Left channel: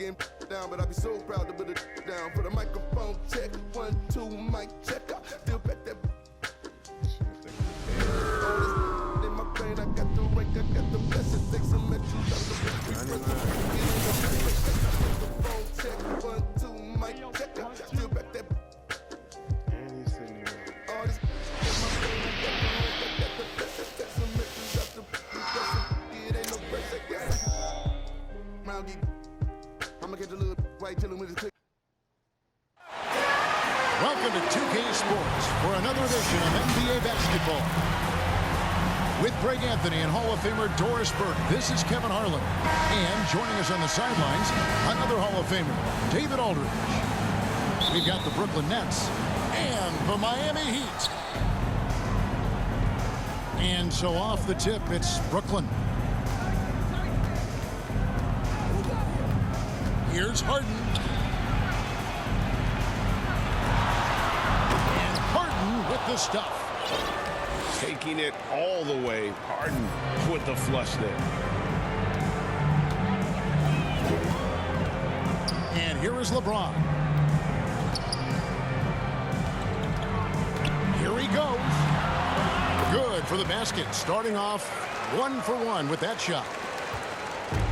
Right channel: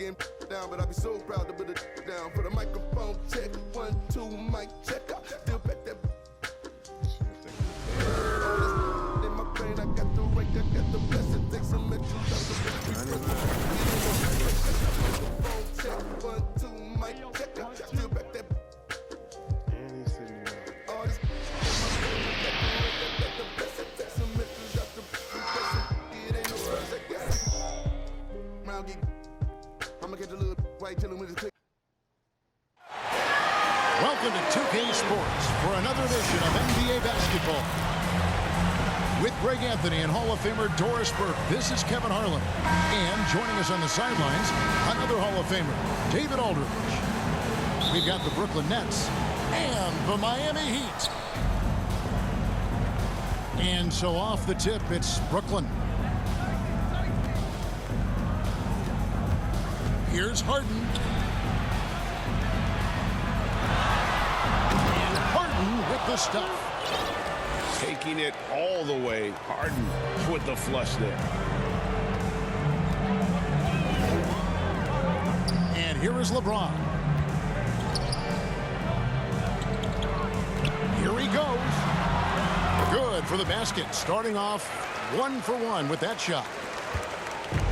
getting down, but I be so proud to put it down. For the microphone check, 1, 2, mic check. I still back that. All this in my brain, I got the rank, I got the blessing. Take some extras out the microphone check, 1, 2, mic check. I still back that. And he's sitting here. All this in my brain, I got the rank, I got the blessing. Take some extras out the blessing. It ain't no pressure, yeah. Round geek. I'ma get the little white till with his click. Welcome to 2K Sports for another edition of NBA basketball. With Greg Anthony and Hall of Famer Doris Burke, this is Kevin Harlan. And joining us on the sidelines, another Hall of Famer, David Aldridge. We've got the Brooklyn Nets and the Miami Heat. And so off the tip, it's Brooklyn. Here's Harden. And Harden with the stuff. Taking it all the way. Harden with the flush there. And here is LeBron. Here he goes. Good for the basket. Starting off 1 for 1 with that shot.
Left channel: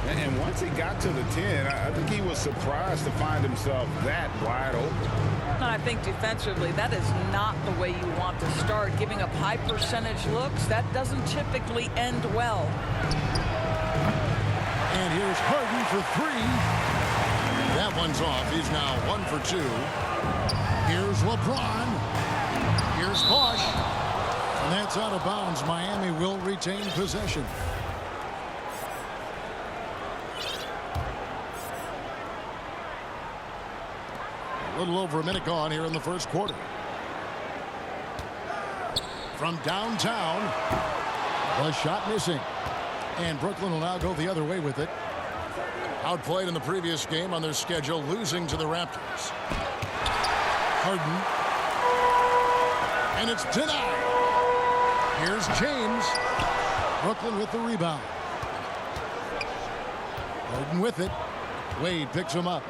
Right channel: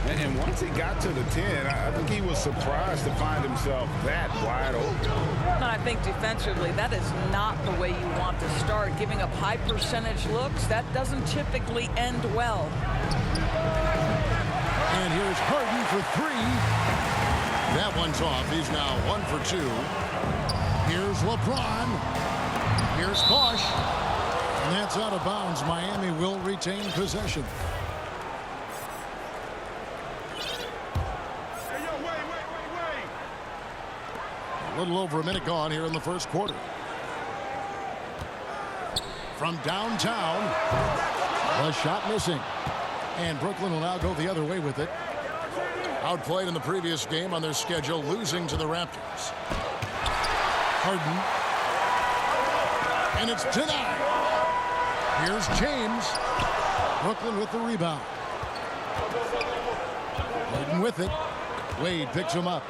And once he got to the 10, I think he was surprised to find himself that wide open. And I think defensively, that is not the way you want to start. Giving up high percentage looks, that doesn't typically end well. And here's Harden for 3. That one's off. He's now 1 for 2. Here's LeBron. Here's Bosh. And that's out of bounds. Miami will retain possession. A little over a minute gone here in the first quarter. From downtown, the shot missing. And Brooklyn will now go the other way with it. Outplayed in the previous game on their schedule, losing to the Raptors. Harden. And it's denied. Here's James. Brooklyn with the rebound. Harden with it. Wade picks him up.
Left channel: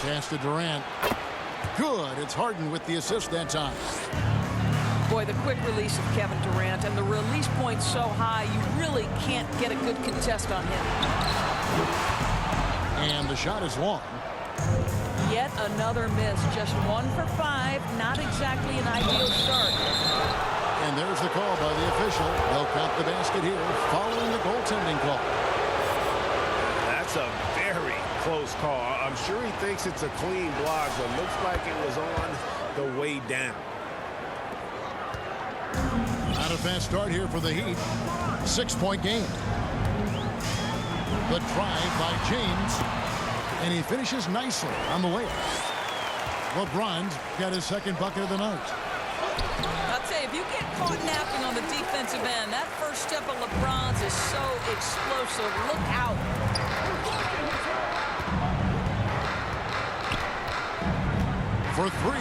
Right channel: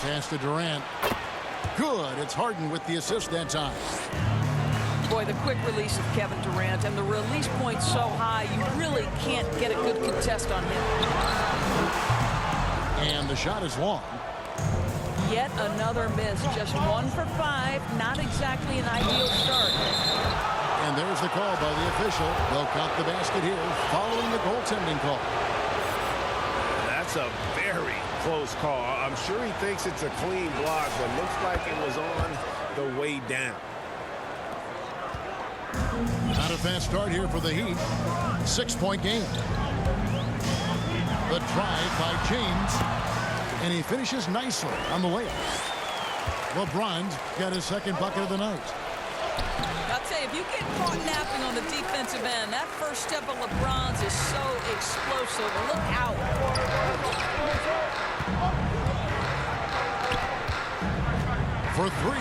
Pass to Durant. Good. It's Harden with the assist that time. Boy, the quick release of Kevin Durant and the release point so high, you really can't get a good contest on him. And the shot is long. Yet another miss. Just 1 for 5. Not exactly an ideal start. And there's the call by the official. They'll count the basket here following the goaltending call. That's a very close call. I'm sure he thinks it's a clean block, but looks like it was on the way down. Not a fast start here for the Heat. 6-point game. The drive by James. And he finishes nicely on the layup. LeBron's got his second bucket of the night. I'll tell you, if you get caught napping on the defensive end, that first step of LeBron's is so explosive. Look out. For 3.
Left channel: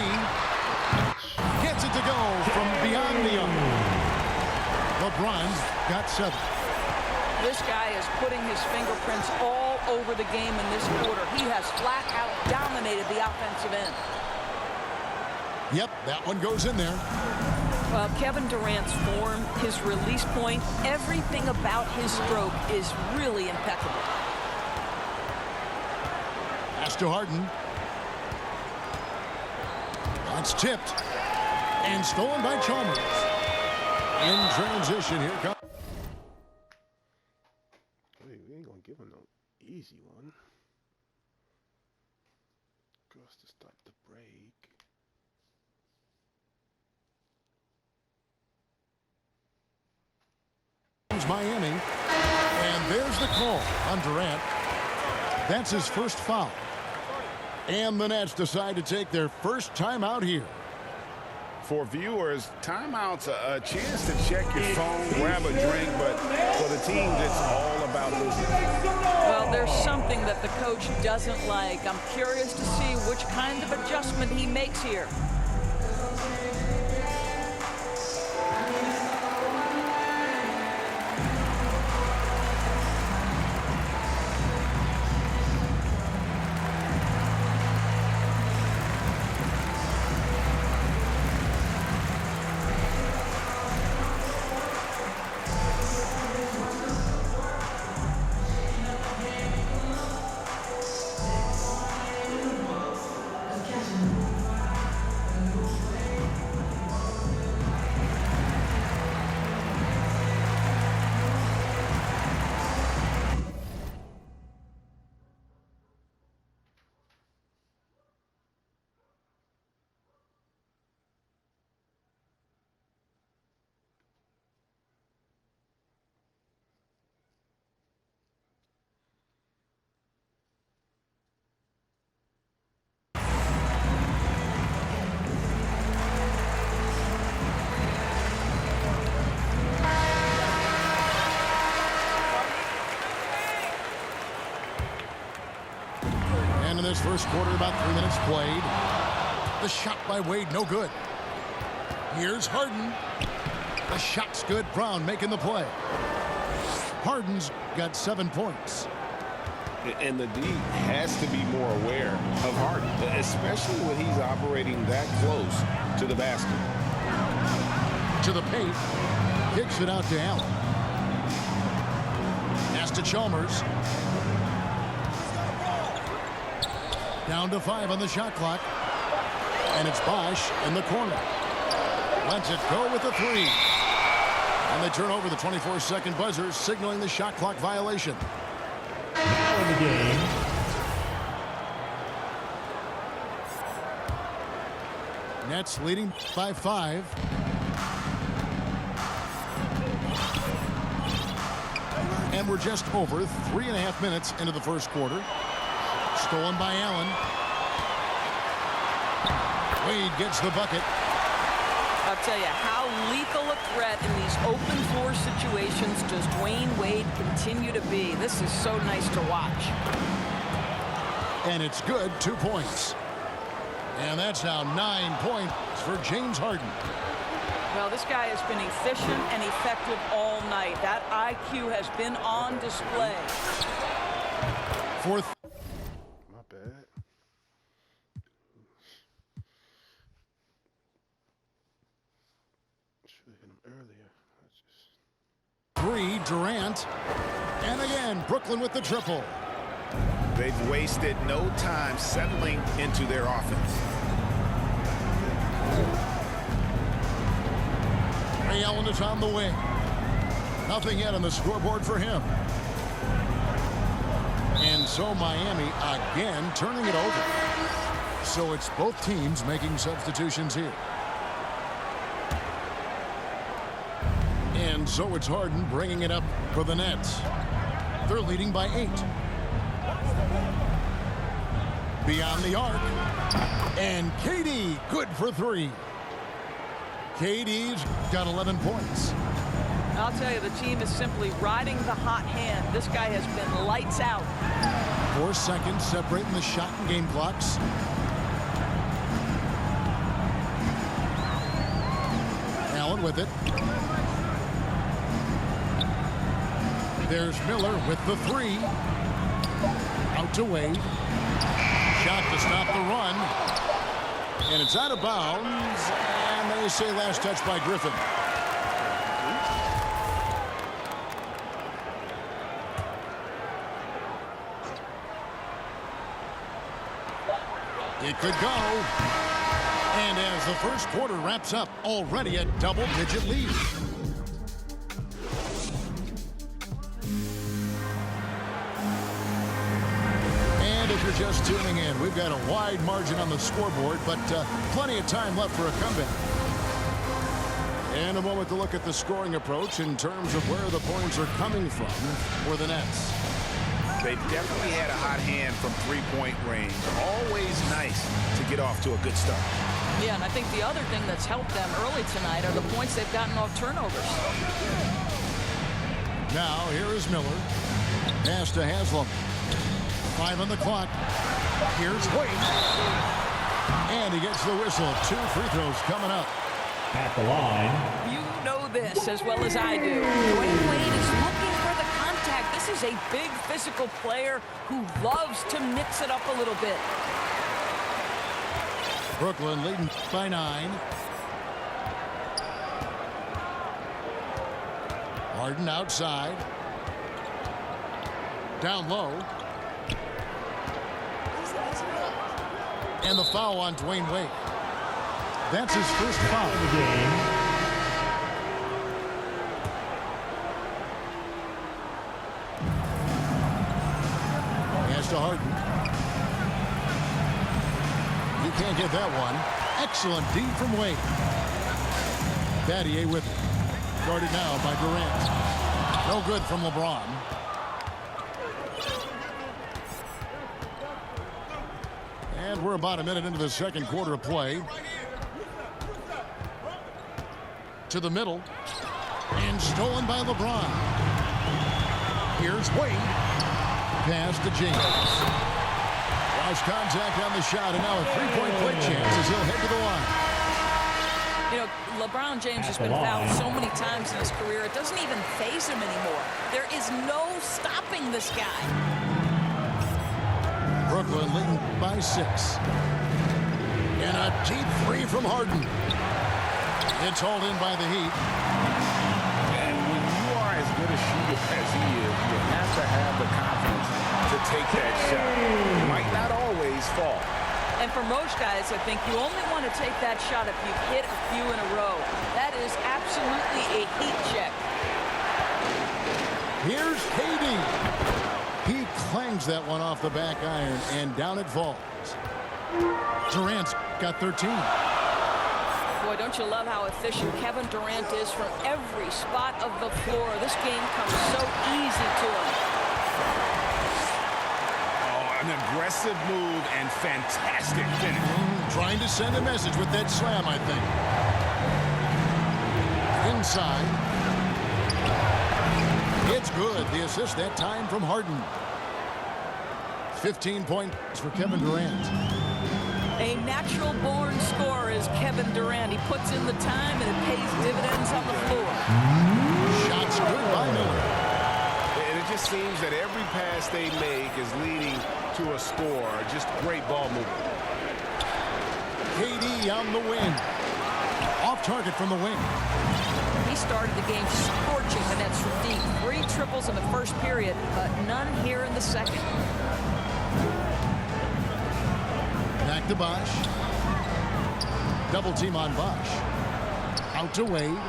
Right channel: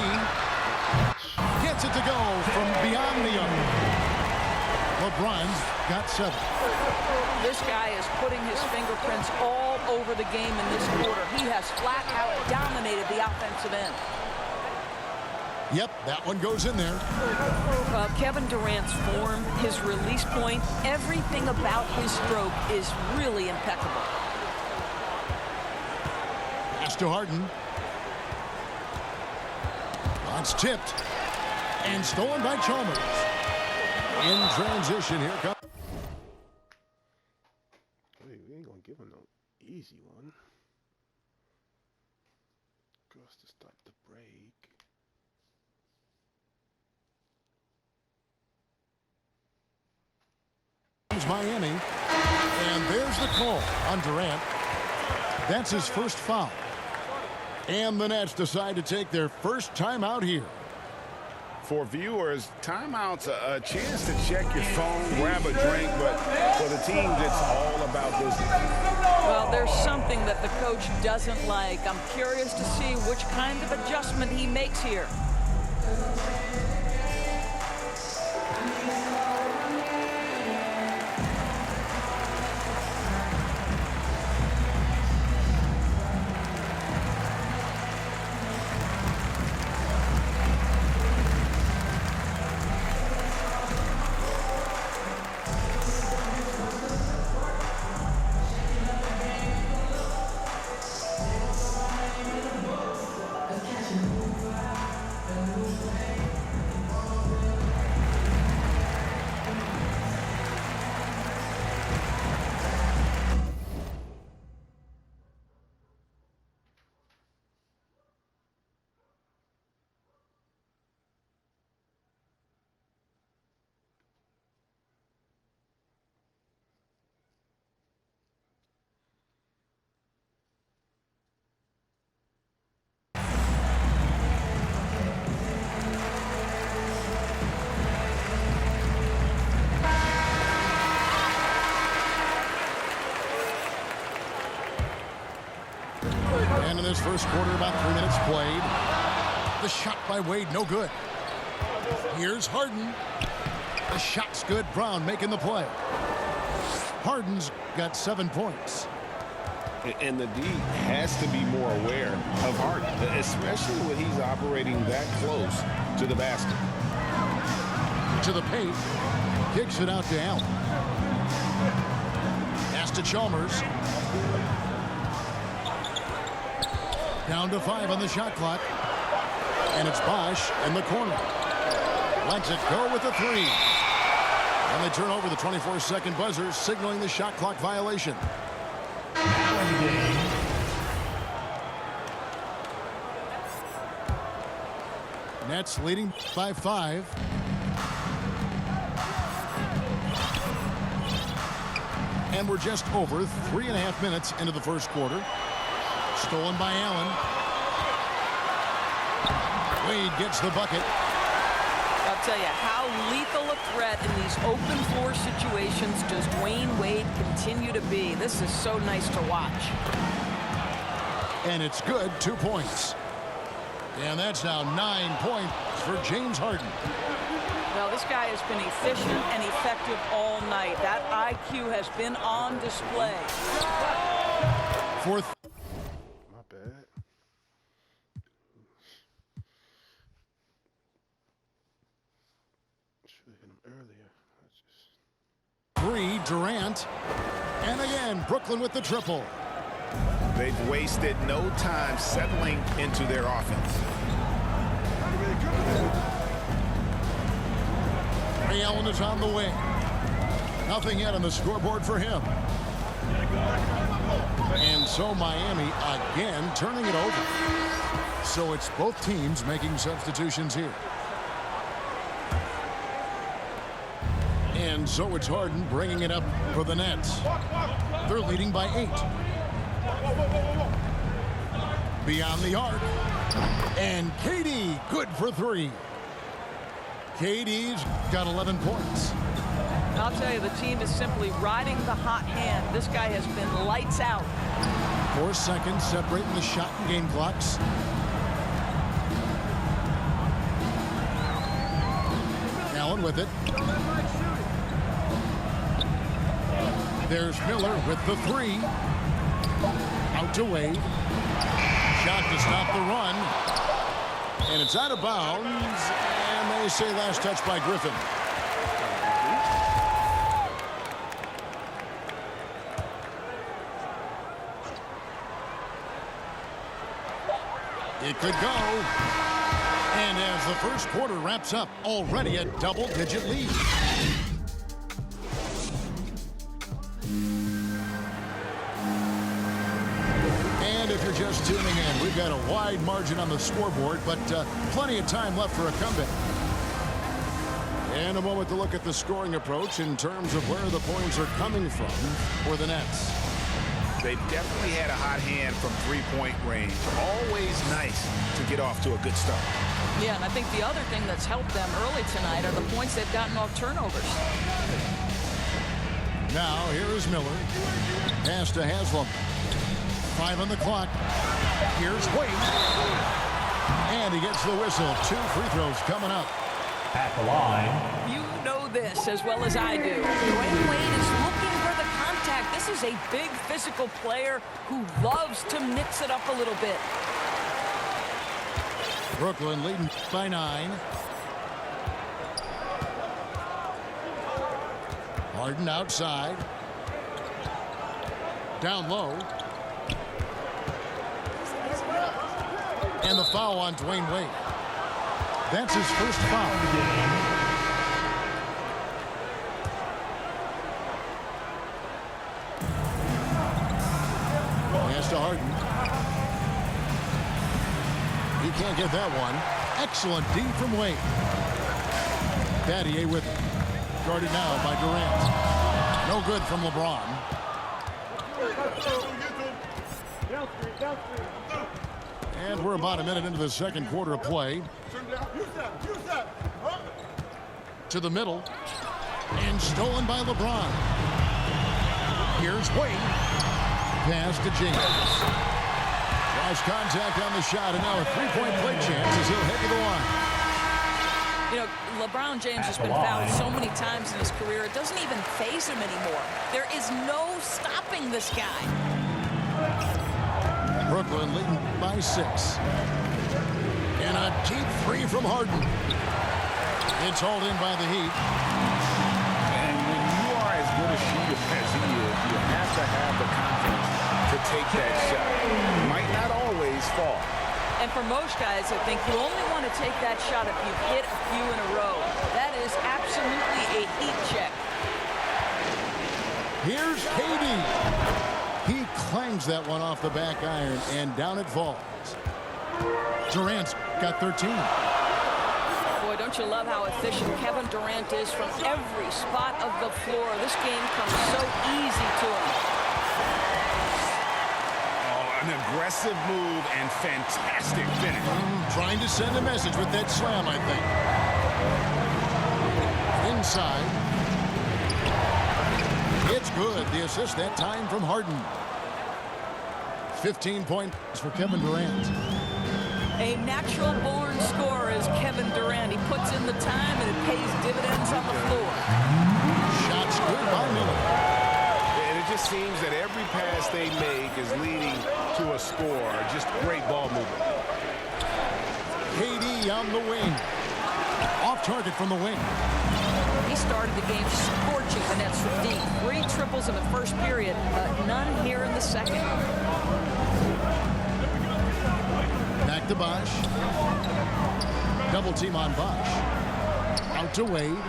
Gets it to go from beyond the arc. LeBron's got 7. This guy is putting his fingerprints all over the game in this quarter. He has flat out dominated the offensive end. Yep, that one goes in there. Kevin Durant's form, his release point, everything about his stroke is really impeccable. Pass to Harden. It's tipped. And stolen by Chalmers. In transition, here comes. We ain't gonna give him no easy one. Goes to stop the break. Miami. And there's the call on Durant. That's his first foul. And the Nets decide to take their first timeout here. For viewers, timeout's a chance to check your phone, grab a drink, but for the teams, it's all about business. Well, there's something that the coach doesn't like. I'm curious to see which kind of adjustment he makes here. And in this first quarter, about 3 minutes played. The shot by Wade, no good. Here's Harden. The shot's good. Brown making the play. Harden's got 7 points. And the D has to be more aware of Harden, especially when he's operating that close to the basket. To the paint. Kicks it out to Allen. Pass to Chalmers. Down to 5 on the shot clock. And it's Bosch in the corner. Lets it go with a 3. And they turn over the 24-second buzzer, signaling the shot clock violation. Now in the game. Nets leading by 5. And we're just over 3.5 minutes into the first quarter. Stolen by Allen. Wade gets the bucket. I'll tell you, how lethal a threat in these open floor situations does Dwayne Wade continue to be. This is so nice to watch. And it's good, 2 points. And that's now 9 points for James Harden. Well, this guy has been efficient and effective all night. That IQ has been on display. Fourth. My bad. Should have hit him earlier. 3, Durant. And again, Brooklyn with the triple. They've wasted no time settling into their offense. Ray Allen is on the wing. Nothing yet on the scoreboard for him. And so Miami again turning it over. So it's both teams making substitutions here. And so it's Harden bringing it up for the Nets. They're leading by 8. Beyond the arc. And KD good for 3. KD's got 11 points. I'll tell you, the team is simply riding the hot hand. This guy has been lights out. 4 seconds separating the shot and game clocks. Allen with it. There's Miller with the 3. Out to Wade. Shot to stop the run. And it's out of bounds. And they say last touch by Griffin. It could go. And as the first quarter wraps up, already a double-digit lead. And if you're just tuning in, we've got a wide margin on the scoreboard, but plenty of time left for a comeback. And a moment to look at the scoring approach in terms of where the points are coming from for the Nets. They've definitely had a hot hand from three-point range. Always nice to get off to a good start. Yeah, and I think the other thing that's helped them early tonight are the points they've gotten off turnovers. Now, here is Miller. Pass to Haslam. 5 on the clock. Here's Wade. And he gets the whistle. 2 free throws coming up. At the line. You know this as well as I do. Dwayne Wade is looking for the contact. This is a big physical player who loves to mix it up a little bit. Brooklyn leading by 9. Harden outside. Down low. And the foul on Dwayne Wade. That's his first foul. In the game. Pass to Harden. He can't get that one. Excellent D from Wade. Battier with it. Guarded now by Durant. No good from LeBron. And we're about a minute into the second quarter of play. To the middle. And stolen by LeBron. Here's Wade. Pass to James. Almost contact on the shot, and now a three-point play chance as he'll head to the line. You know, LeBron James has been fouled so many times in his career, it doesn't even faze him anymore. There is no stopping this guy. Brooklyn leading by 6. And a deep three from Harden. It's hauled in by the Heat. And when you are as good a shooter as he is, you have to have the confidence to take that shot. It might not always fall. And for most guys, I think you only want to take that shot if you've hit a few in a row. That is absolutely a heat check. Here's KD. He clangs that one off the back iron, and down it falls. Durant's got 13. Boy, don't you love how efficient Kevin Durant is from every spot of the floor. This game comes so easy to him. An aggressive move and fantastic finish. Trying to send a message with that slam, I think. Inside. It's good. The assist that time from Harden. 15 points for Kevin Durant. A natural-born scorer is Kevin Durant. He puts in the time, and it pays dividends on the floor. Shots good by Miller. And it just seems that every pass they make is leading to a score. Just great ball movement. KD on the wing. Off target from the wing. He started the game scorching the nets from deep. 3 triples in the first period, but none here in the second. Back to Bosh. Double team on Bosh. Out to Wade.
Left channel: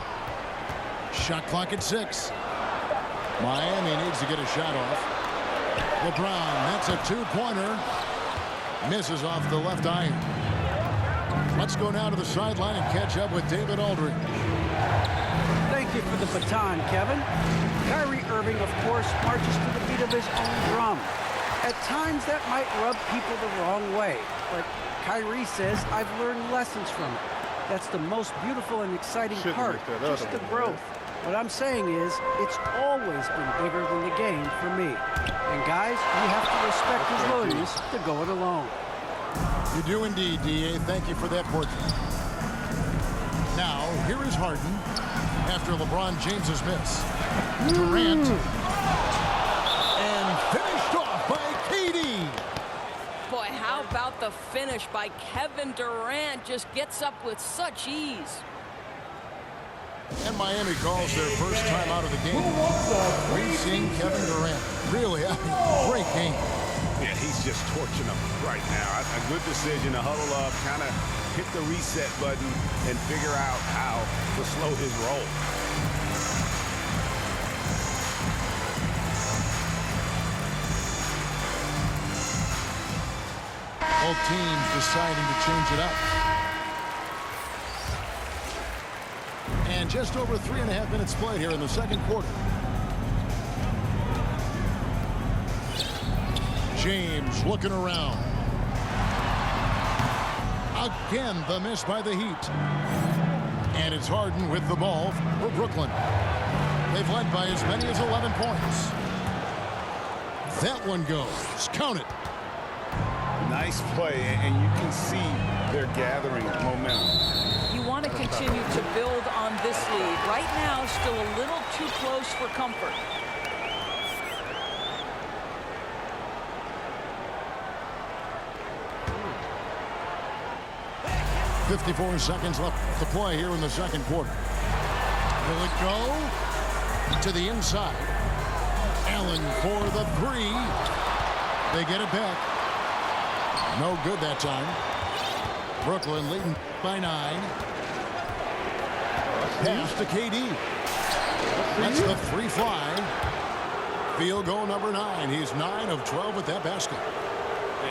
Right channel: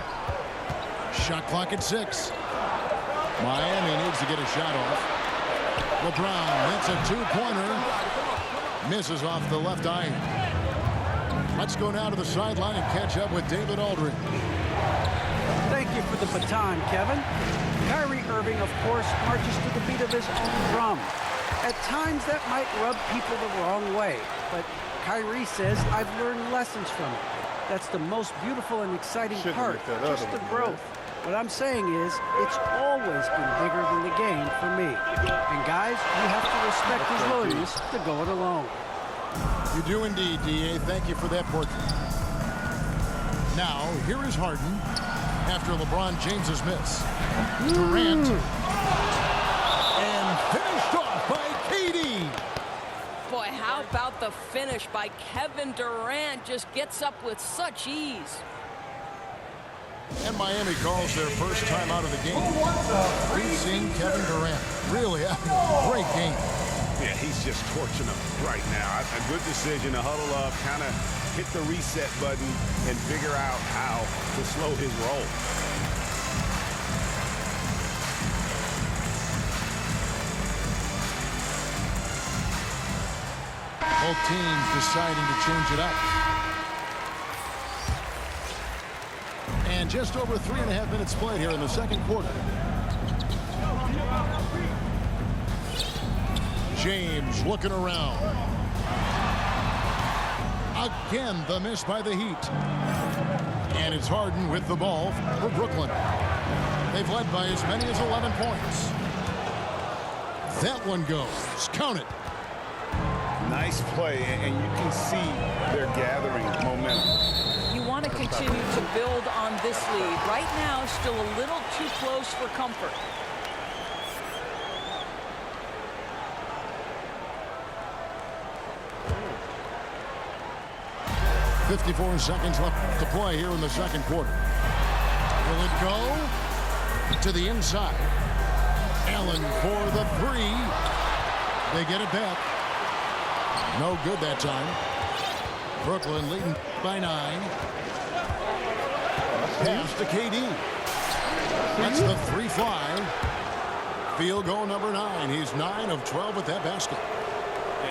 Shot clock at 6. Miami needs to get a shot off. LeBron, that's a 2-pointer. Misses off the left iron. Let's go now to the sideline and catch up with David Aldridge. Thank you for the baton, Kevin. Kyrie Irving, of course, marches to the beat of his own drum. At times, that might rub people the wrong way, but Kyrie says, I've learned lessons from it. That's the most beautiful and exciting part, just the growth. What I'm saying is, it's always been bigger than the game for me. And guys, you have to respect his willingness to go it alone. You do indeed, D.A. Thank you for that portrait. Now, here is Harden after LeBron James's miss. Durant. And finished off by KD. Boy, how about the finish by Kevin Durant? Just gets up with such ease. And Miami calls their first time out of the game. We've seen Kevin Durant really having a great game. Yeah, he's just torching them right now. A good decision to huddle up, kind of hit the reset button, and figure out how to slow his roll. Both teams deciding to change it up. And just over 3.5 minutes played here in the second quarter. James looking around. Again, the miss by the Heat. And it's Harden with the ball for Brooklyn. They've led by as many as 11 points. That one goes. Count it. Nice play, and you can see they're gathering momentum. You want to continue to build on this lead. Right now, still a little too close for comfort. .54 seconds left to play here in the second quarter. Will it go to the inside? Allen for the 3. They get it back. No good that time. Brooklyn leading by 9. Pass to KD. That's the 3 fly. Field goal number 9. He's 9 of 12 with that basket.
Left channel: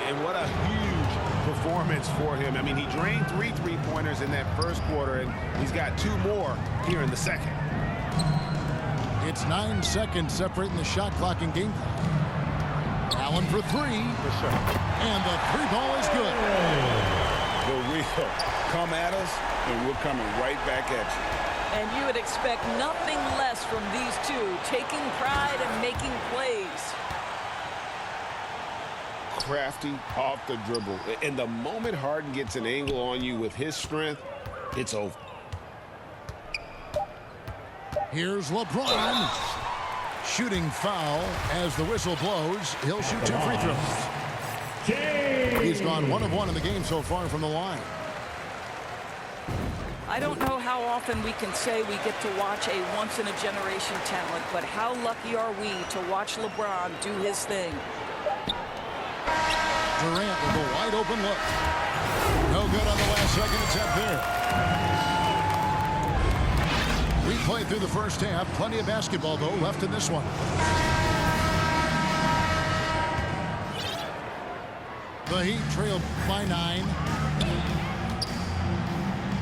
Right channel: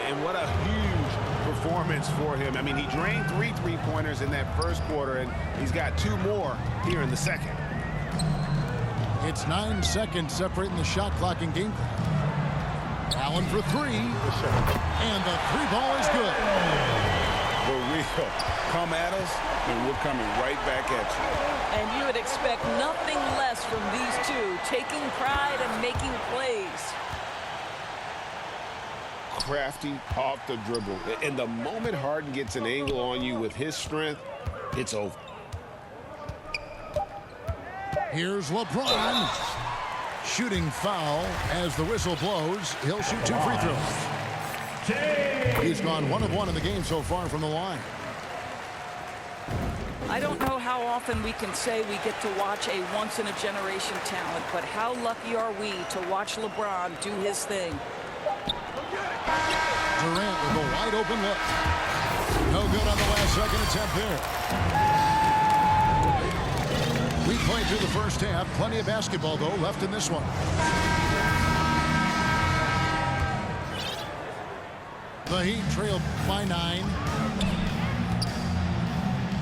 And what a huge performance for him. I mean, he drained 3 3-pointers in that first quarter, and he's got 2 more here in the second. It's 9 seconds separating the shot clock and game clock. Allen for 3. And the 3 ball is good. The real come at us, and we're coming right back at you. And you would expect nothing less from these two, taking pride and making plays. crafty off the dribble. And the moment Harden gets an angle on you with his strength, it's over. Here's LeBron. Shooting foul as the whistle blows. He'll shoot 2 free throws. He's gone 1 of 1 in the game so far from the line. I don't know how often we can say we get to watch a once-in-a-generation talent, but how lucky are we to watch LeBron do his thing. Durant with a wide open look. No good on the last second attempt there. We played through the first half. Plenty of basketball, though, left in this one. The Heat trailed by 9.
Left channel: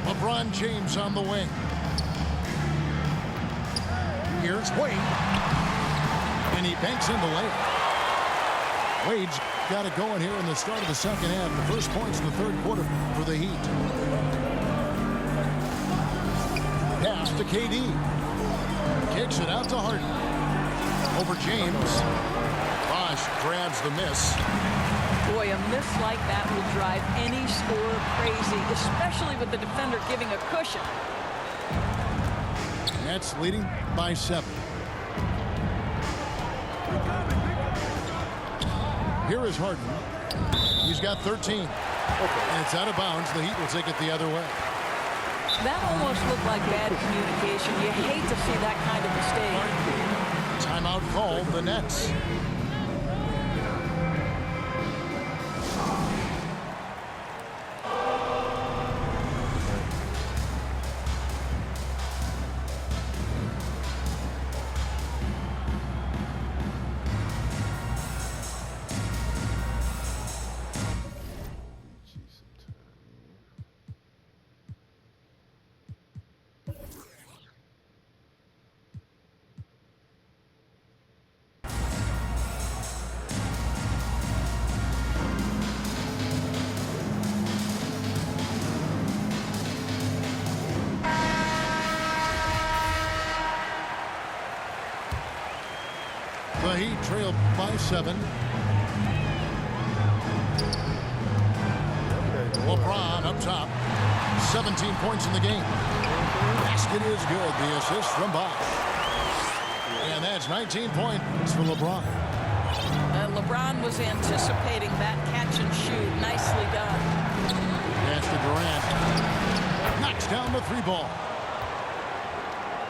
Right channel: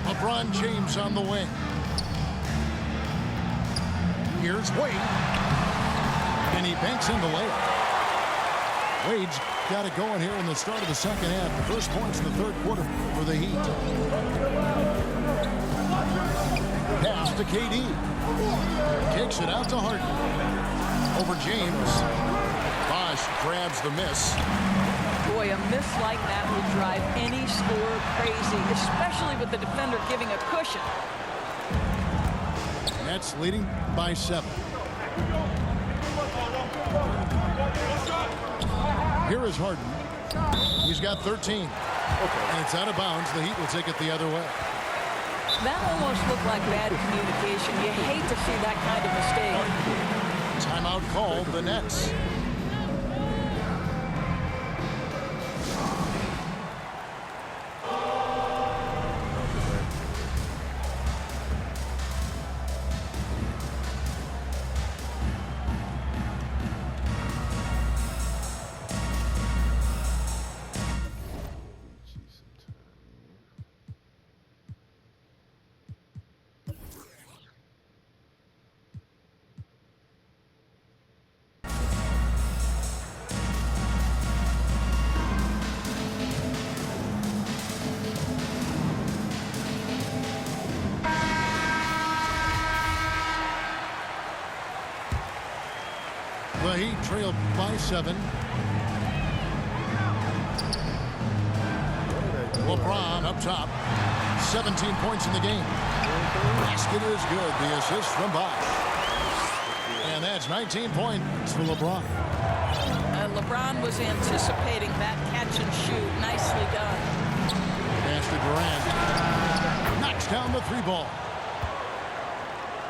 LeBron James on the wing. Here's Wade. And he banks in the layup. Wade's got it going here in the start of the second half. The first points in the third quarter for the Heat. Pass to KD. Kicks it out to Harden. Over James. Bosh grabs the miss. Boy, a miss like that will drive any scorer crazy, especially with the defender giving a cushion. Nets leading by 7. Here is Harden. He's got 13. And it's out of bounds. The Heat will take it the other way. That almost looked like bad communication. You hate to see that kind of mistake. Timeout called, the Nets. The Heat trailed by 7. LeBron up top. 17 points in the game. Basket is good. The assist from Bosh. And that's 19 points for LeBron. LeBron was anticipating that catch and shoot. Nicely done. Pass to Durant. Knocks down the 3-ball.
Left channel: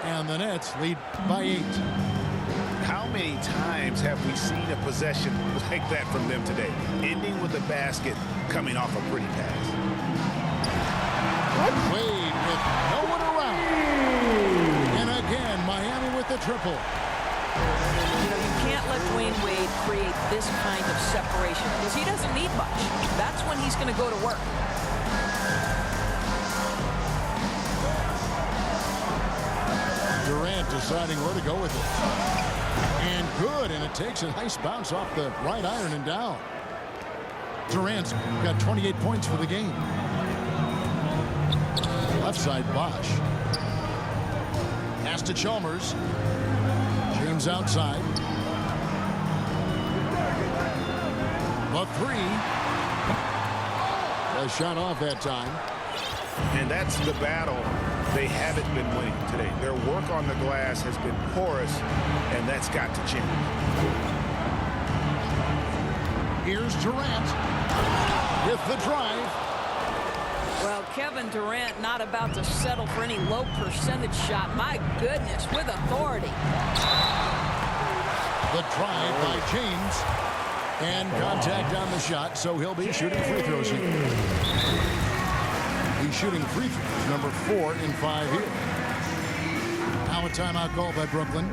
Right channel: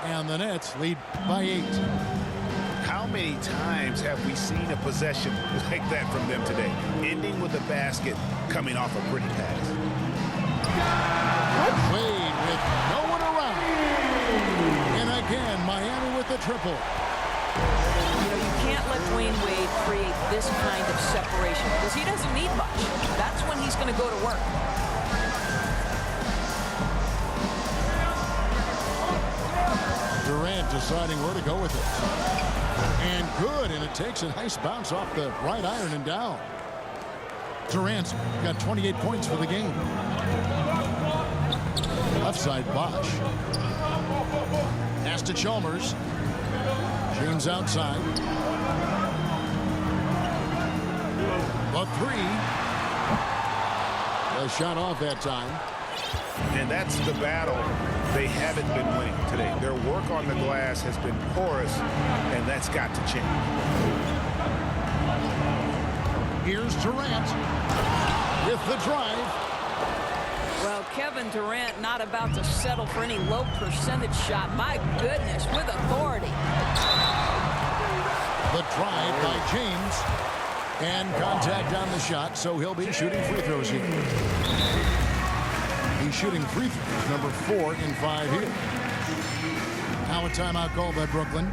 And the Nets lead by 8. How many times have we seen a possession like that from them today? Ending with a basket, coming off a pretty pass. Wade with no one around. And again, Miami with the triple. You know, you can't let Dwayne Wade create this kind of separation because he doesn't need much. That's when he's going to go to work. Durant deciding where to go with it. And good, and it takes a nice bounce off the right iron and down. Durant's got 28 points for the game. Left side, Bosh. Pass to Chalmers. James outside. The 3. A shot off that time. And that's the battle they haven't been winning today. Their work on the glass has been porous, and that's got to change. Here's Durant with the drive. Well, Kevin Durant not about to settle for any low percentage shot. My goodness, with authority. The drive by James. And contact on the shot, so he'll be shooting free throws here. He's shooting free throws, number 4 in 5 here. Now a timeout called by Brooklyn.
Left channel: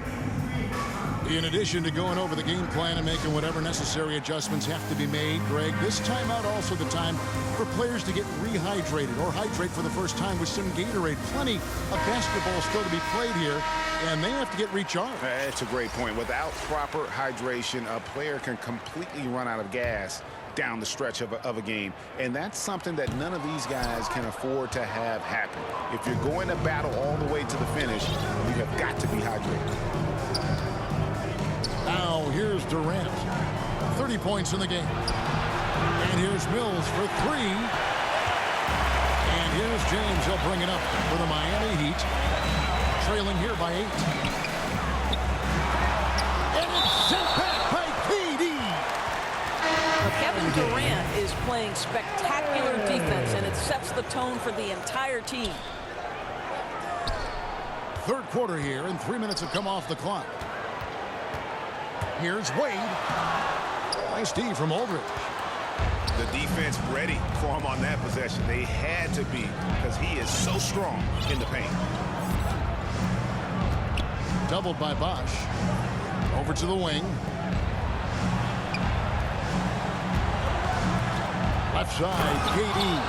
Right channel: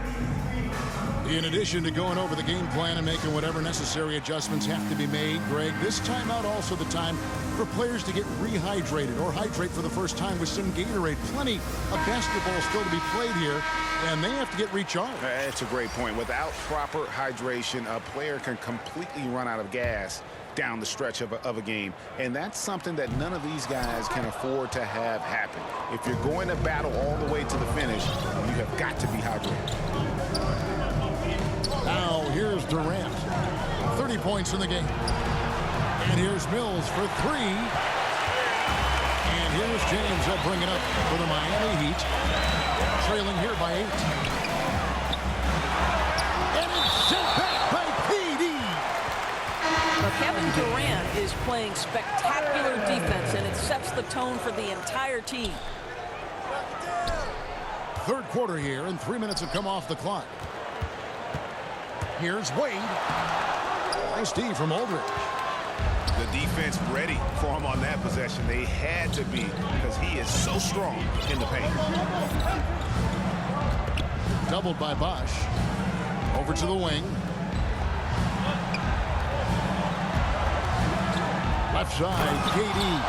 In addition to going over the game plan and making whatever necessary adjustments have to be made, Greg, this timeout also the time for players to get rehydrated or hydrate for the first time with some Gatorade. Plenty of basketball still to be played here, and they have to get recharged. That's a great point. Without proper hydration, a player can completely run out of gas down the stretch of a game, and that's something that none of these guys can afford to have happen. If you're going to battle all the way to the finish, you have got to be hydrated. Now here's Durant. 30 points in the game. And here's Mills for three. And here's James. He'll bring it up for the Miami Heat. Trailing here by 8. And it's sent back by KD. But Kevin Durant is playing spectacular defense, and it sets the tone for the entire team. Third quarter here, and 3 minutes have come off the clock. Here's Wade. Nice D from Aldridge. The defense ready for him on that possession. They had to be, because he is so strong in the paint. Doubled by Bosch. Over to the wing. Left side, KD.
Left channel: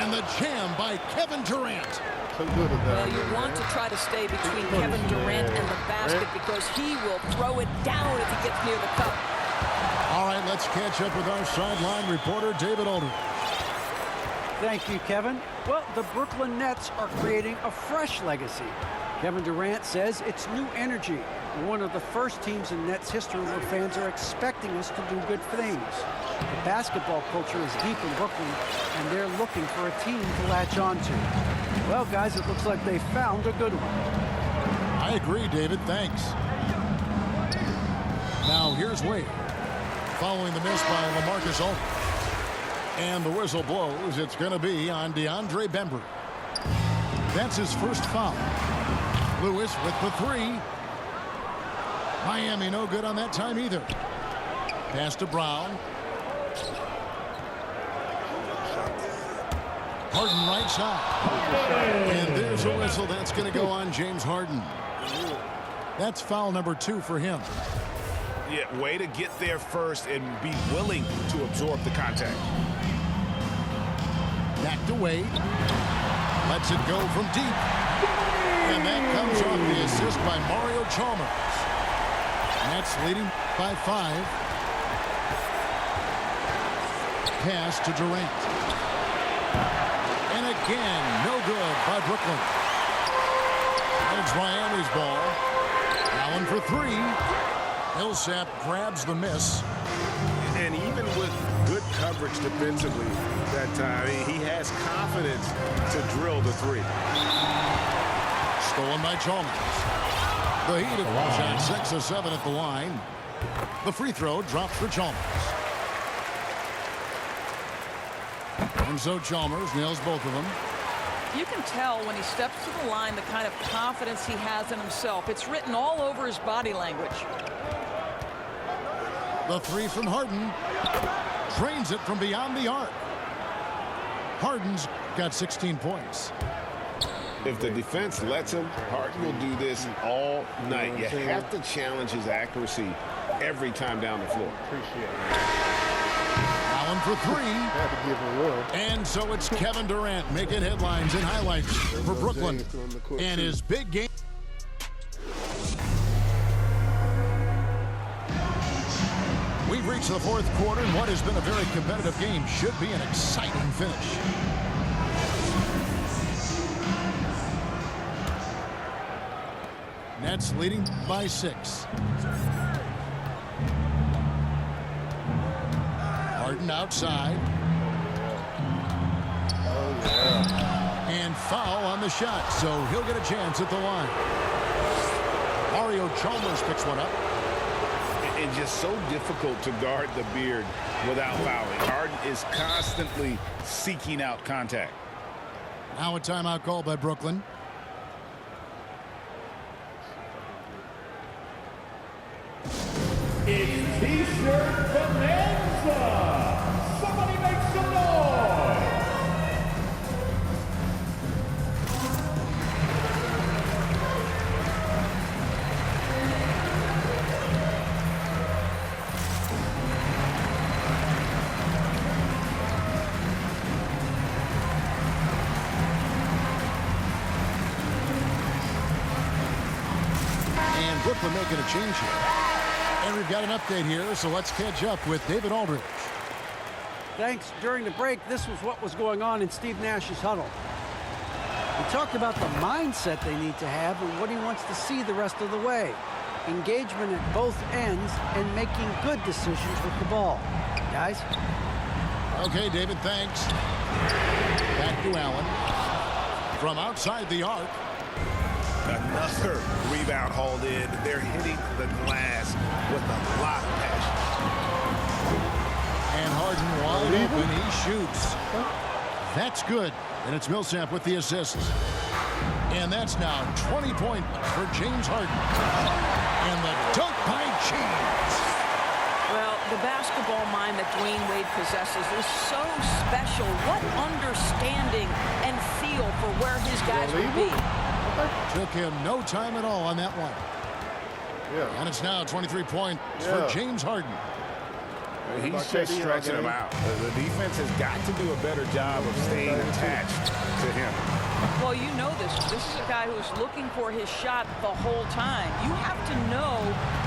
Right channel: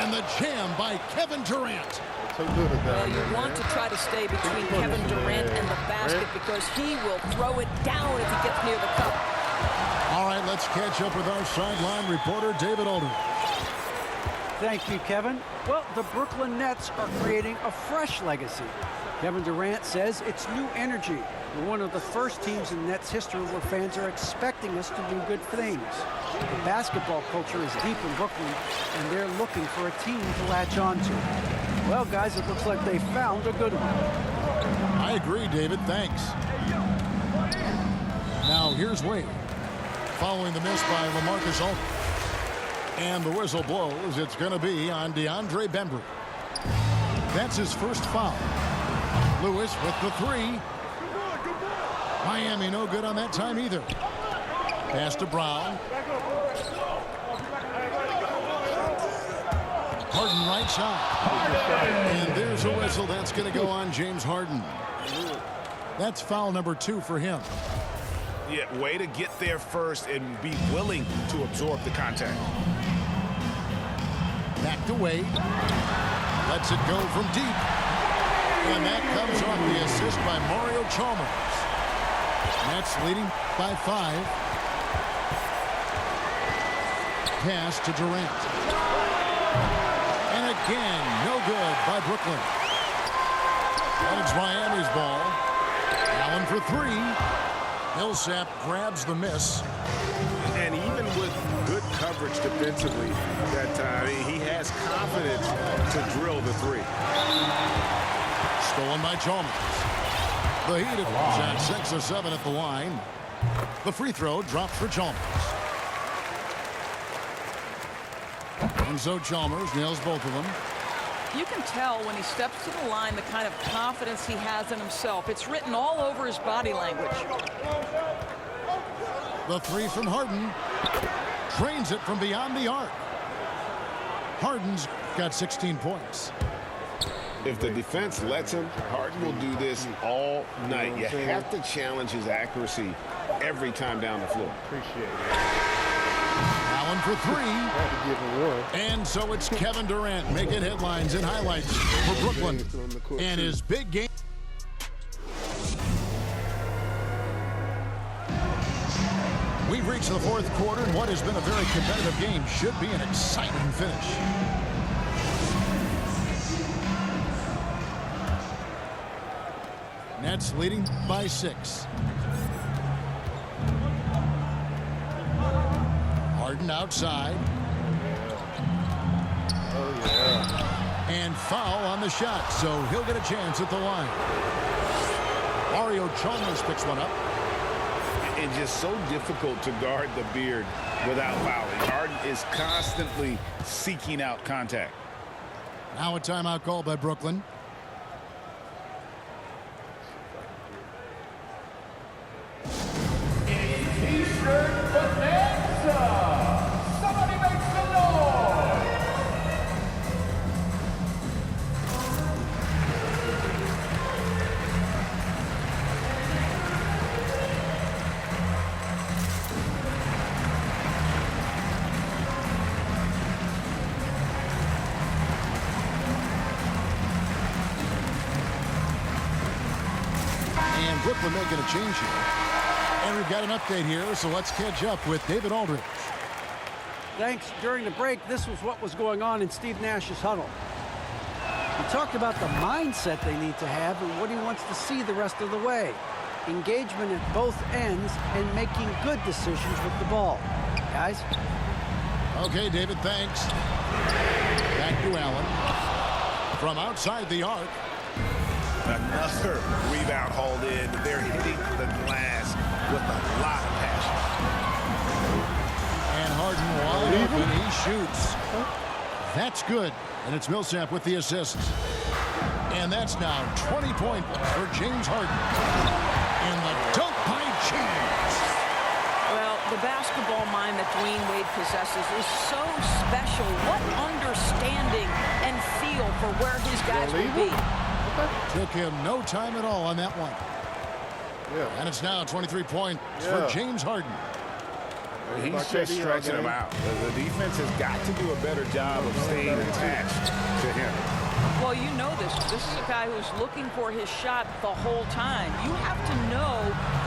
And the jam by Kevin Durant. So good at that. Well, you want to try to stay between Kevin Durant and the basket because he will throw it down if he gets near the cup. All right, let's catch up with our sideline reporter, David Aldridge. Thank you, Kevin. Well, the Brooklyn Nets are creating a fresh legacy. Kevin Durant says it's new energy. We're one of the first teams in Nets history where fans are expecting us to do good things. The basketball culture is deep in Brooklyn, and they're looking for a team to latch on to. Well, guys, it looks like they found a good one. I agree, David. Thanks. Now, here's Wade. Following the miss by LaMarcus Aldridge. And the whistle blows. It's going to be on DeAndre Bembry. That's his first foul. Lewis with the three. Miami no good on that time either. Pass to Brown. Harden right side. And there's a whistle. That's going to go on James Harden. That's foul number 2 for him. Yeah, way to get there first and be willing to absorb the contact. Back to Wade. Lets it go from deep. And that comes off the assist by Mario Chalmers. Nets leading by 5. Pass to Durant. And again, no good by Brooklyn. And it's Miami's ball. Allen for 3. Millsap grabs the miss. And even with good coverage defensively that time, he has confidence to drill the 3. Stolen by Chalmers. The Heat have shot 6 of 7 at the line. The free throw drops for Chalmers. And so Chalmers nails both of them. You can tell when he steps to the line the kind of confidence he has in himself. It's written all over his body language. The 3 from Harden. Drains it from beyond the arc. Harden's got 16 points. If the defense lets him, Harden will do this all night. You have to challenge his accuracy every time down the floor. Appreciate it. Allen for 3. Had to give him 1. And so it's Kevin Durant making headlines and highlights for Brooklyn. And his big game. We've reached the 4th quarter, and what has been a very competitive game should be an exciting finish. Nets leading by 6. Harden outside. Oh, yeah. And foul on the shot, so he'll get a chance at the line. Mario Chalmers picks one up. It's just so difficult to guard the beard without fouling. Harden is constantly seeking out contact. Now a timeout call by Brooklyn. It's T-shirt bonanza. Somebody make some noise. And Brooklyn making a change here. And we've got an update here, so let's catch up with David Aldridge. Thanks. During the break, this was what was going on in Steve Nash's huddle. He talked about the mindset they need to have and what he wants to see the rest of the way. Engagement at both ends and making good decisions with the ball. Guys? Okay, David, thanks. Back to Allen. From outside the arc. Another rebound hauled in. They're hitting the glass with a lot of passion. And Harden wide open. He shoots. That's good. And it's Millsap with the assists. And that's now 20 points for James Harden. And the dunk by James. Well, the basketball mind that Dwayne Wade possesses is so special. What understanding and feel for where his guys would be. Took him no time at all on that one. Yeah. And it's now 23 points for James Harden. He's just stretching him out. The defense has got to do a better job of staying attached to him. Well, you know this. This is a guy who's looking for his shot the whole time. You have to know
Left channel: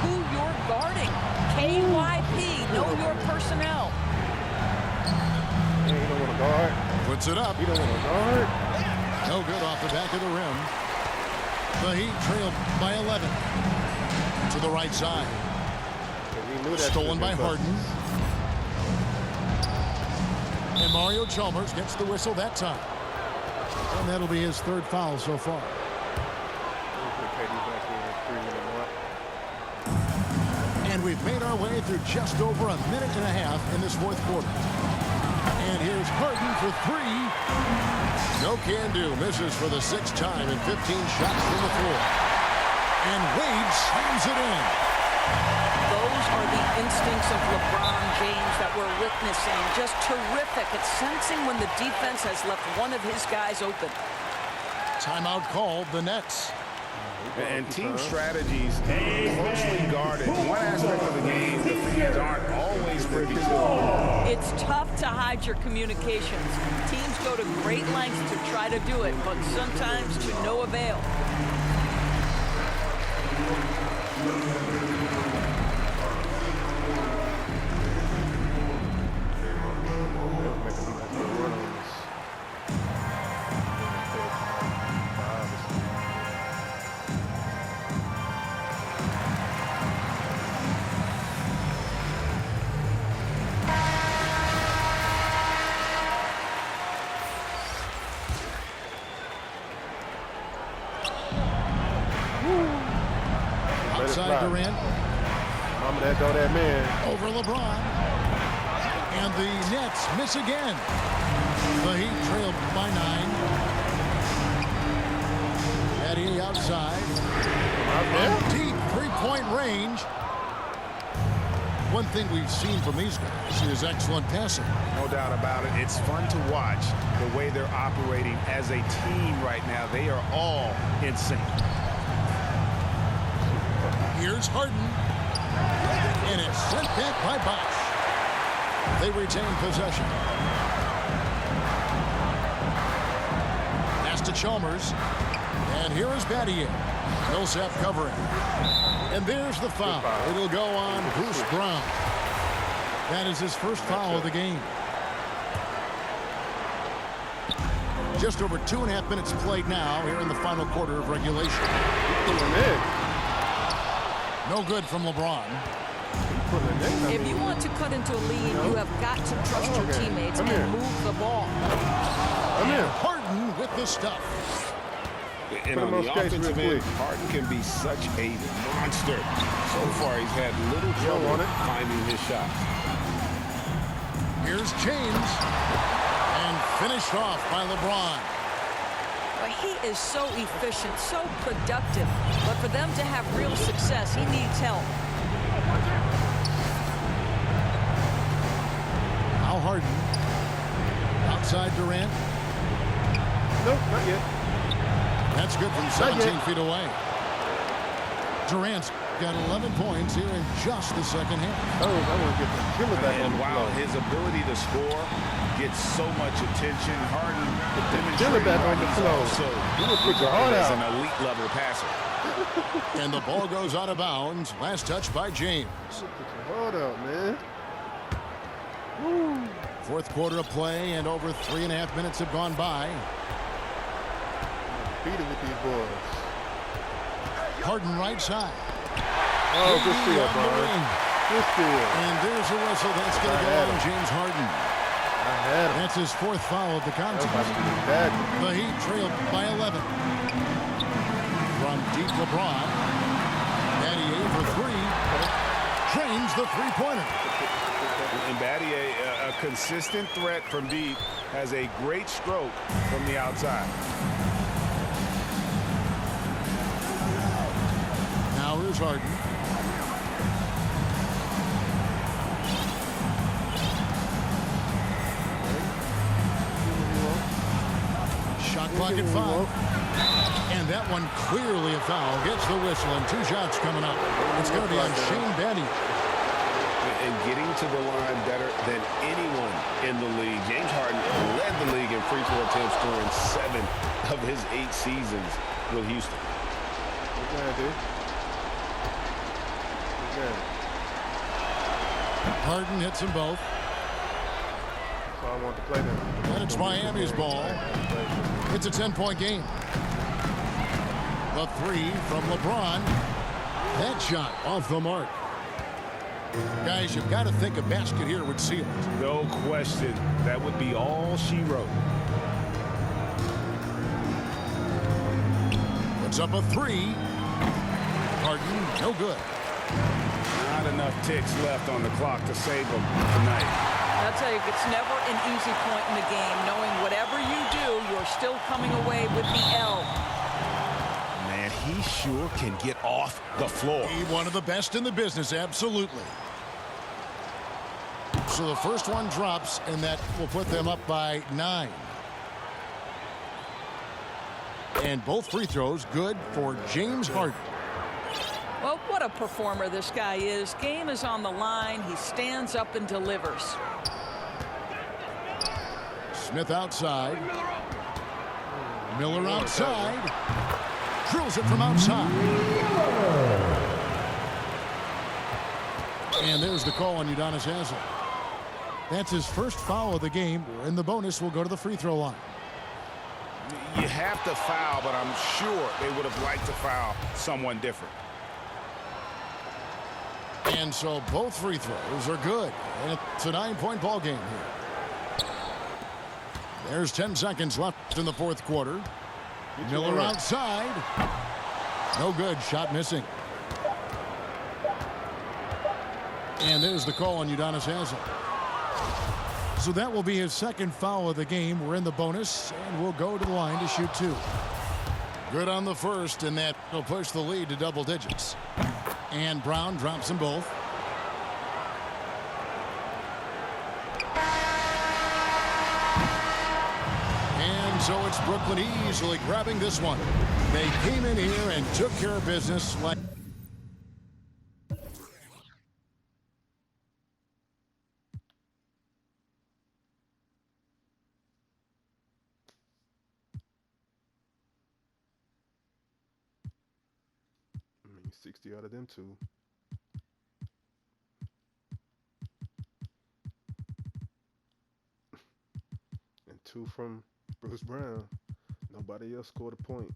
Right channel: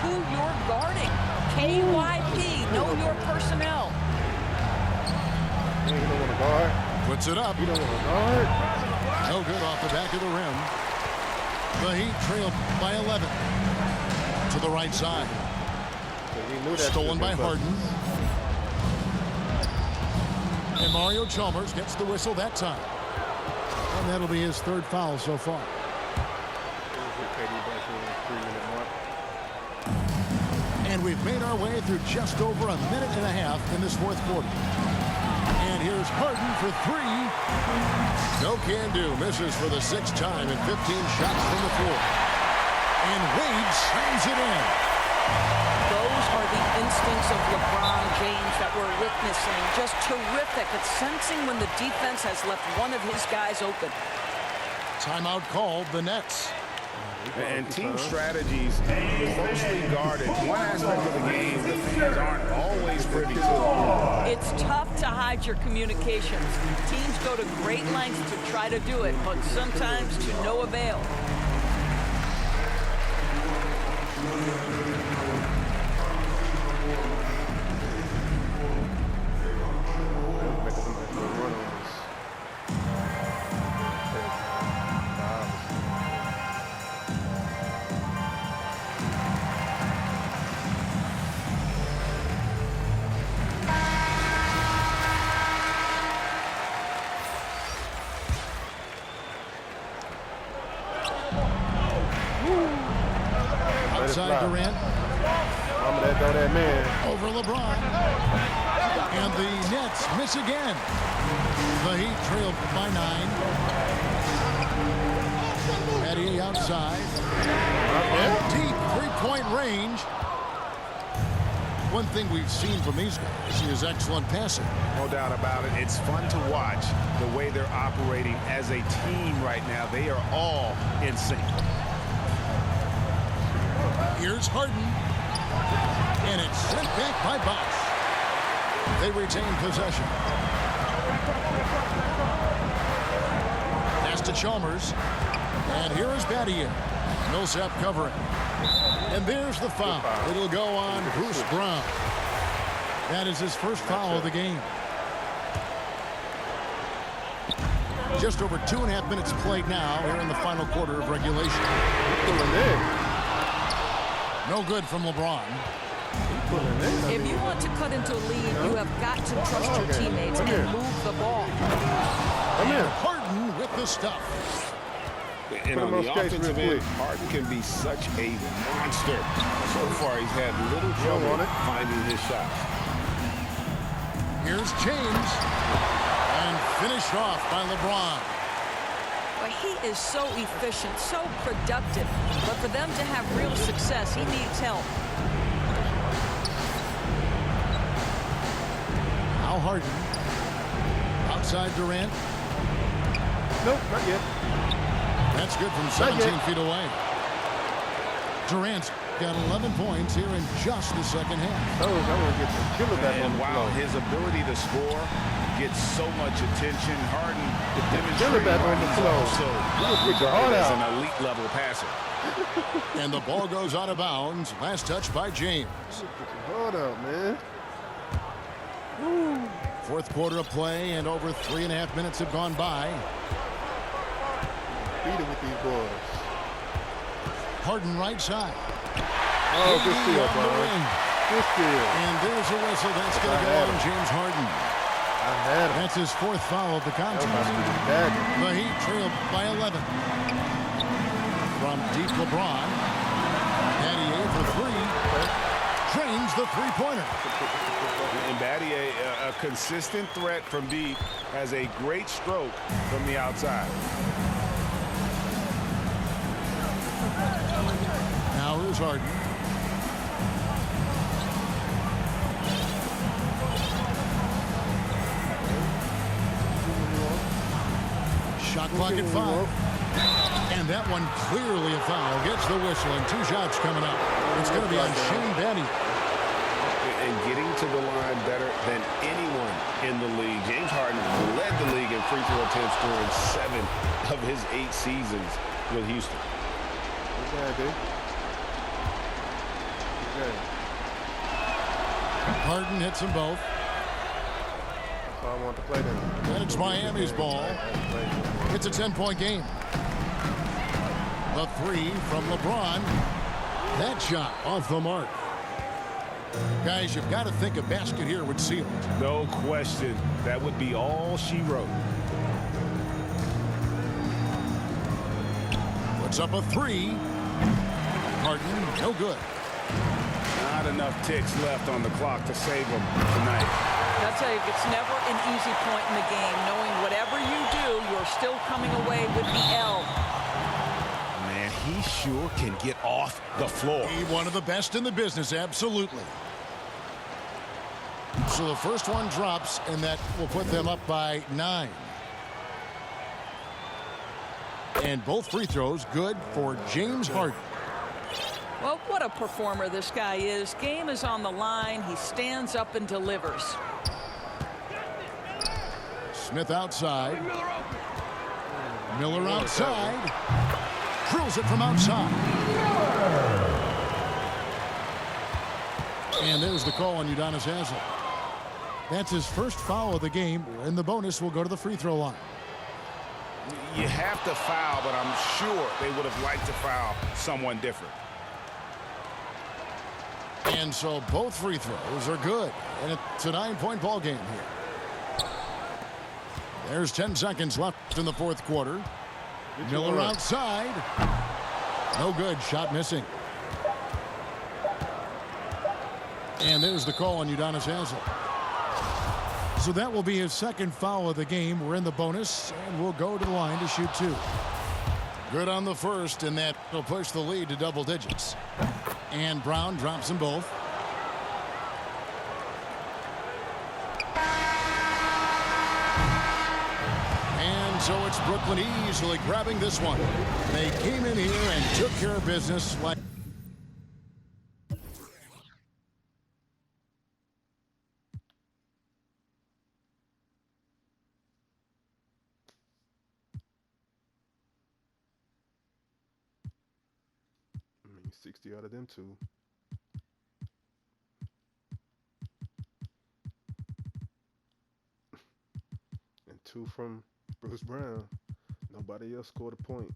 who you're guarding. KYP, know your personnel. Yeah, you don't want to guard. Puts it up. You don't want to guard. No good off the back of the rim. The Heat trail by 11. To the right side. He knew that Stolen by Harden. And Mario Chalmers gets the whistle that time. And that'll be his third foul so far. We'll get KD back in 3-minute mark. And we've made our way through just over a minute and a half in this fourth quarter. And here's Harden for three. No can do. Misses for the sixth time in 15 shots from the floor. And Wade slams it in. Those are the instincts of LeBron James that we're witnessing. Just terrific at sensing when the defense has left one of his guys open. Timeout called the Nets. And team strategies closely guarded. One aspect of the game the fans aren't always privy to. It's tough to hide your communications. Teams go to great lengths to try to do it, but sometimes to no avail. Outside Durant. Mama, that throw that man. Over LeBron. And the Nets miss again. The Heat trail by 9. Battier outside. Deep three-point range. One thing we've seen from these guys is excellent passing. No doubt about it. It's fun to watch the way they're operating as a team right now. They are all in sync. Here's Harden. And it's sent back by Bosch. They retain possession. Pass to Chalmers. And here is Battier. Millsap covering. And there's the foul. It'll go on Bruce Brown. That is his first foul of the game. Just over 2.5 minutes played now here in the final quarter of regulation. He's pulling in. No good from LeBron. He's pulling in. If you want to cut into a lead, you have got to trust your teammates and move the ball. Come in. Harden with the stuff. And on the offensive end, Harden can be such a monster. So far, he's had little trouble finding his shots. Here's James. And finished off by LeBron. But he is so efficient, so productive. But for them to have real success, he needs help. Now Harden. Outside Durant. Nope, not yet. That's good from 17 feet away. Durant's got 11 points here in just the second half. I want to get the killer back on the wow, floor. his ability to score gets so much attention. Harden demonstrating back on the floor. also put your heart as out. an elite level passer. And the ball goes out of bounds. Last touch by James. Put your heart out, man. Woo. Fourth quarter of play, and over 3.5 minutes have gone by. Beat it with these boys. Harden right side. Oh, good steal, on the Brian. wing. Good steal. And there's a whistle. That's going to go on James Harden. I That's his 4th foul of the contest. The Heat trailed by 11. From deep, LeBron. Battier for 3. Drains the three-pointer. And Battier, a consistent threat from deep, has a great stroke from the outside. Now here's Harden. Shot clock at 5. And that one clearly a foul. Gets the whistle and 2 shots coming up. It's going to be on Shane Battier. And getting to the line better than anyone in the league. James Harden led the league in free throw attempts during 7 of his 8 seasons with Houston. Good, dude. Good. Harden hits them both. So I want to play them. And it's Miami's ball. It's a 10-point game. The 3 from LeBron. That shot off the mark. Guys, you've got to think a basket here would seal it. No question. That would be all she wrote. Puts up a 3. Harden, no good. Not enough ticks left on the clock to save them tonight. I'll tell you, it's never an easy point in the game, knowing whatever you do, you're still coming away with the L. Man, he sure can get off the floor. He's one of the best in the business, absolutely. So the first one drops, and that will put them up by 9. And both free throws good for James Harden. Well, what a performer this guy is. Game is on the line. He stands up and delivers. Smith outside. Miller outside. Drills it from outside. And there's the call on Udonis Haslem. That's his first foul of the game. In the bonus, we'll go to the free throw line. You have to foul, but I'm sure they would have liked to foul someone different. And so both free throws are good. And it's a 9-point ball game here. There's 10 seconds left in the 4th quarter. Miller outside. No good. Shot missing. And there's the call on Udonis Haslem. So that will be his second foul of the game. We're in the bonus, and we'll go to the line to shoot 2. Good on the first, and that will push the lead to double digits. And Brown drops them both. And so it's Brooklyn easily grabbing this one. They came in here and took care of business like... I mean, 60 out of them 2. And 2 from Bruce Brown. Nobody else scored a point.